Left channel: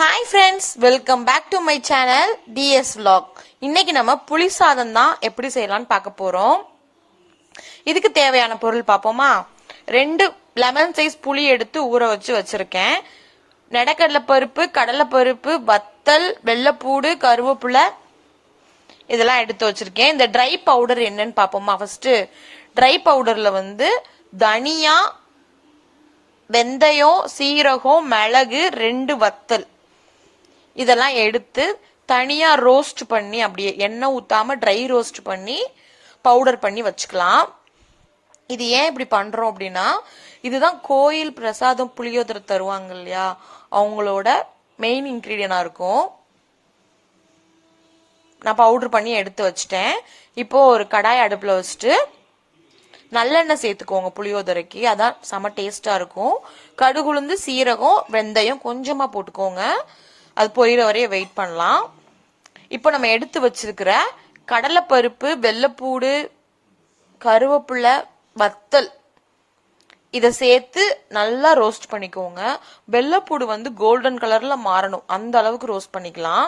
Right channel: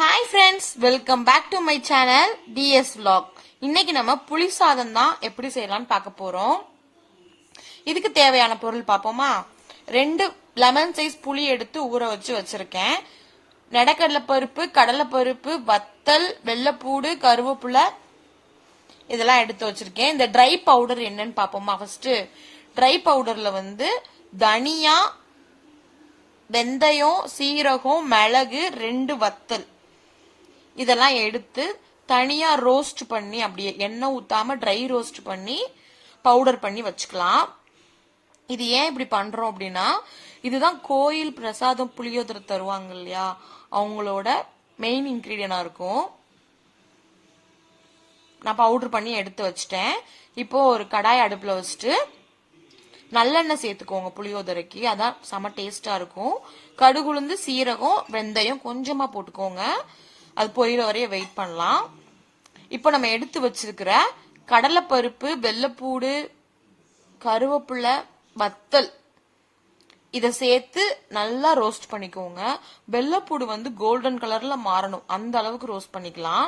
Hi friends, welcome back to my channel DS vlog. இன்னைக்கு நம்ம புளி சாதம் தான் எப்படி செய்யலாம்னு பார்க்க போறோம். இதுக்கு தேவையான பொருள் பார்ப்போமா. 2 லெமன் சைஸ் புளி எடுத்து ஊற வச்சிருக்கேன். நெடக்கடலை பருப்பு, கடலை பருப்பு, வத்தல், வெள்ளைப்பூடு, கருவேப்பிலை இதெல்லாம் எடுத்து வச்சிருக்கேன். இந்த ட்ரை பவுடர் என்னன்னு பார்ப்போமா. ஃபர்ஸ்ட் ட்ரை பவுடர்ல தனியா, வெந்தயம், சீரகம், மிளகு, 2 வத்தல் இதெல்லாம் எடுத்து தனியா ரோஸ்ட் பண்ணி, அப்படியே எண்ணெய் ஊத்தாம ட்ரை ரோஸ்ட் பண்ணி பவுடர் பண்ணி வச்சுக்கலாம். இது ஏன் இப்படி பண்றோம் அப்படின்னா, இதுதான் கோயில் பிரசாதம் புளியோதரை தருவாங்க இல்லையா, அவங்களோட மெயின் இன்கிரீடியனா இருக்கும். நான் பவுடர் பண்ணி எடுத்து வச்சிட்டேன். இப்போ ஒரு கடாய் அடுப்புல வச்சுட்டு நல்லெண்ணெய் சேர்த்துக்கோங்க. புளியோதரைக்கு அதான் செம டேஸ்டா இருக்கும். கடுகுளுந்து, சீரகம், வெந்தயம் கொஞ்சமா போட்டுக்கோங்க. அது பொரியிற வரைய வெயிட் பண்ணலாம். இப்போ நம்ம எடுத்து வச்சிருக்கிற கடலைப்பருப்பு, வெள்ளைப்பூடு, கருவேப்பிலை, வத்தல் இதை சேர்த்து நல்லா ரோஸ்ட் பண்ணிக்கோங்க. வெள்ளைப்பூடு கோல்டன் கலர்ல மாறணும், அந்த அளவுக்கு ரோஸ்ட் பண்ணிக்கலாம்.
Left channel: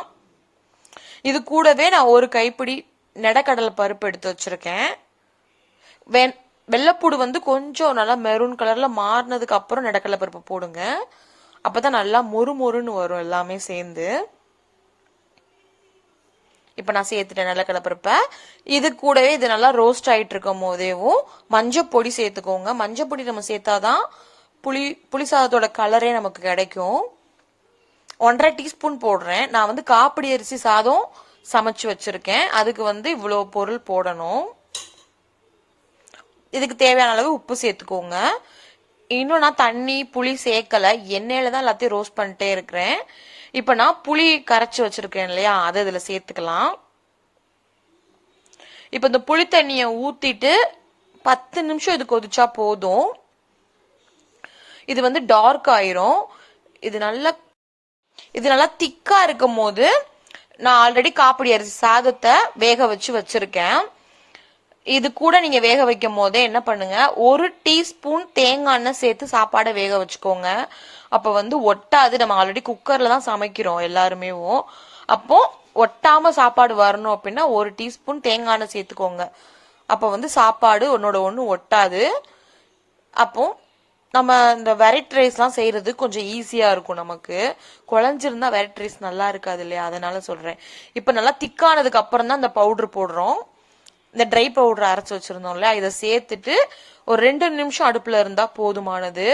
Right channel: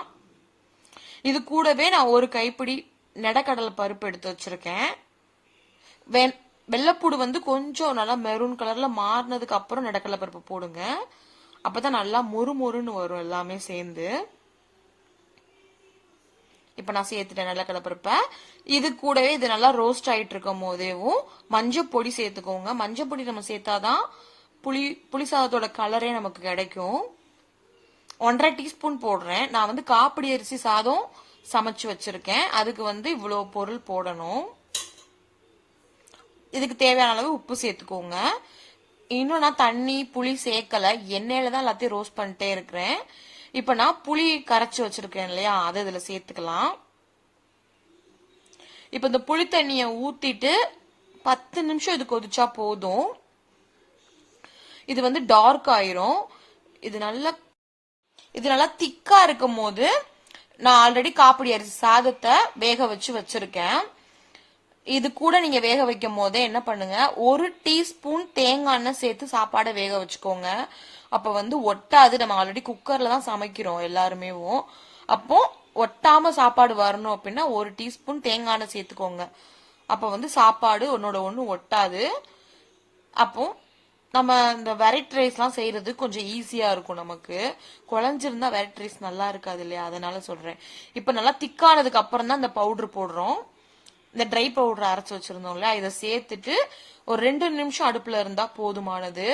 இது கூடவே நான் ஒரு கைப்பிடி நெடக்கடலை பருப்பு எடுத்து வச்சிருக்கேன். வெள்ளைப்பூடு கொஞ்சம் நல்லா மெரூன் கலர்ல மாறினதுக்கு அப்புறம் நெடக்கடலை பருப்பு போடுங்க. அப்பதான் நல்லா மொறு மொறுன்னு வரும் எல்லாமே சேர்ந்து. இப்ப நான் சேர்த்துட்டேன் நெடக்கடலை பருப்பை. இது கூடவே இது நல்லா ரோஸ்ட் ஆயிட்டு இருக்கும் போதேவும் மஞ்சள் பொடி சேர்த்துக்கோங்க. மஞ்சள் பொடி நம்ம சேர்த்தாதான் புளி சாதத்தோட கலரே நமக்கு கிடைக்கும். 1.5 டீஸ்பூன் போடுறேன். நான் காப்பிடி அரிசி சாதம் சமைச்சு வச்சிருக்கேன். அதுக்கு இவ்வளவு பொருள் போடணும். இதுக்கு தேவையான அளவு உப்பு சேர்த்துக்கோங்க. இன்னும் நான் தண்ணி புளி சேர்க்கல, எண்ணெயில தான் எல்லாத்தையும் ரோஸ்ட் பண்ணிட்டே இருக்கிறேன். இப்ப நான் புளி கரைச்சி வச்சிருக்கேன் இல்லையா, அதை இதுல சேர்த்துக்கலாம். இப்ப இந்த புளி தண்ணிய ஊத்திட்டு 10 நிமிஷம் இது கொதிச்சா போதும். இது டார்க் ஆயிரும். இது நல்லா திக்கா இருக்கும் போது நான் ஆல்ரெடி காப்பிடி அரிசி சாதத்தை வேக வச்சிருக்கேன். இது கூட நீங்க வேக வைக்கும் போதே என்ன பண்ணுங்க, 1 டீஸ்பூன் தேங்காய் எண்ணெய் சேர்த்து சாப்பாடை வேக வச்சுக்கோங்க. அப்ப ஒட்டாது. நம்ம ஆல்ரெடி குக்கர்ல தான் சமைக்கிறோம் எல்லாருமே. அப்போ ஒட்டாம சாப்பாடு வரணும் அப்படின்னா 1 டீஸ்பூன் தேங்காய் எண்ணெய் சேர்த்துக்கோங்க. அப்ப சாப்பாடு ஒன்னோட ஒண்ணு ஒட்டாது. அப்போ நம்ம இந்த வெரைட்டி ரைஸ் எல்லாம் செய்யறது கொஞ்சம் ஈஸியா இருக்கும். நமக்கு குழஞ்சிருந்தா வெரைட்டி ரைஸ் நல்லா இருக்காது இல்லையா, அதனால சொல்றேன். இப்ப நல்லா திக்கானதுக்கு அப்புறம் தான் இந்த பவுடர் போடுறோம். இந்த ட்ரை பவுடர் அரைச்சு வச்சிருந்தோம்ல, இதை சேர்த்துட்டு ஒரு 2 நிமிஷம் அடுப்புல இருந்தா போதுமானது.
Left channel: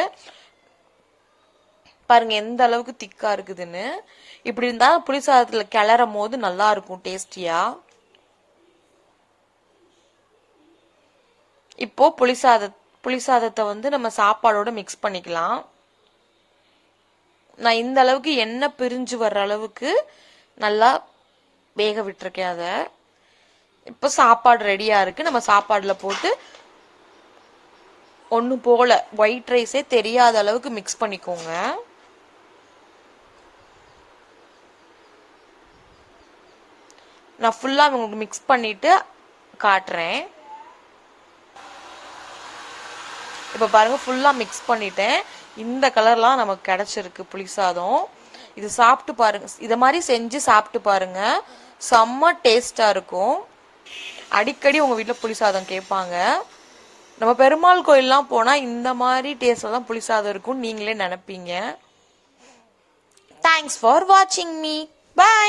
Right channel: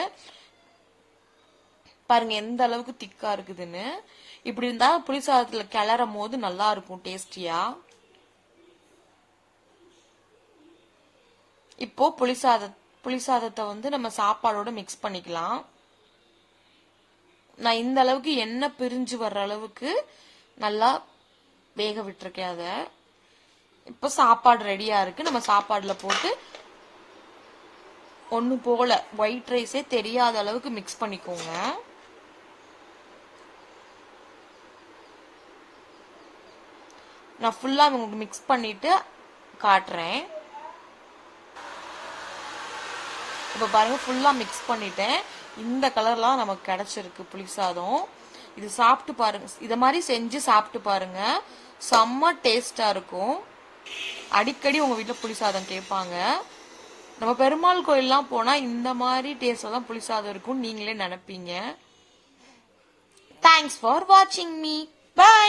பாருங்க எந்த அளவுக்கு திக்கா இருக்குதுன்னு. இப்படி இருந்தா புளி சாதத்துல கிளறும் போது நல்லா இருக்கும், டேஸ்டியா. இப்போ புளி சாதத்தை நம்ம சாப்பாடோட மிக்ஸ் பண்ணிக்கலாம். நான் இந்த அளவுக்கு எண்ணெய் பிரிஞ்சு வர்ற அளவுக்கு நல்லா வேக விட்டுருக்கேன். அதை இப்ப சாப்பாடு ரெடியா இருக்கு. நம்ம சாப்பாடுல போட்டு ஒண்ணு போல ஒயிட் ரைஸே தெரியாத அளவுக்கு மிக்ஸ் பண்ணிக்கோங்க. நான் ஃபுல்லா உங்களுக்கு மிக்ஸ் பண்ணிட்டு காட்டுறேன். இப்ப பாருங்க, ஃபுல்லா மிக்ஸ் பண்ணிட்டேன். இந்த கலர்லாம் நமக்கு கிடைச்சிருக்கு புளி சாதம். இது சாப்பிட்டு பாருங்க, இத மாதிரி செஞ்சு சாப்பிட்டு பாருங்க, செம்ம டேஸ்டா இருக்கும். அடிக்கடி உங்க வீட்டுல புளி சாதம் கேட்பாங்க. நம்ம பெருமாள் கோயில்லாம் போனா இந்த மாதிரி டேஸ்ட்ல தான் புளி சாதம் இருக்கும், நீங்களே நினைப்பீங்க. தேங்க்ஸ் ஃபார் வாட்சிங் மீ. பை.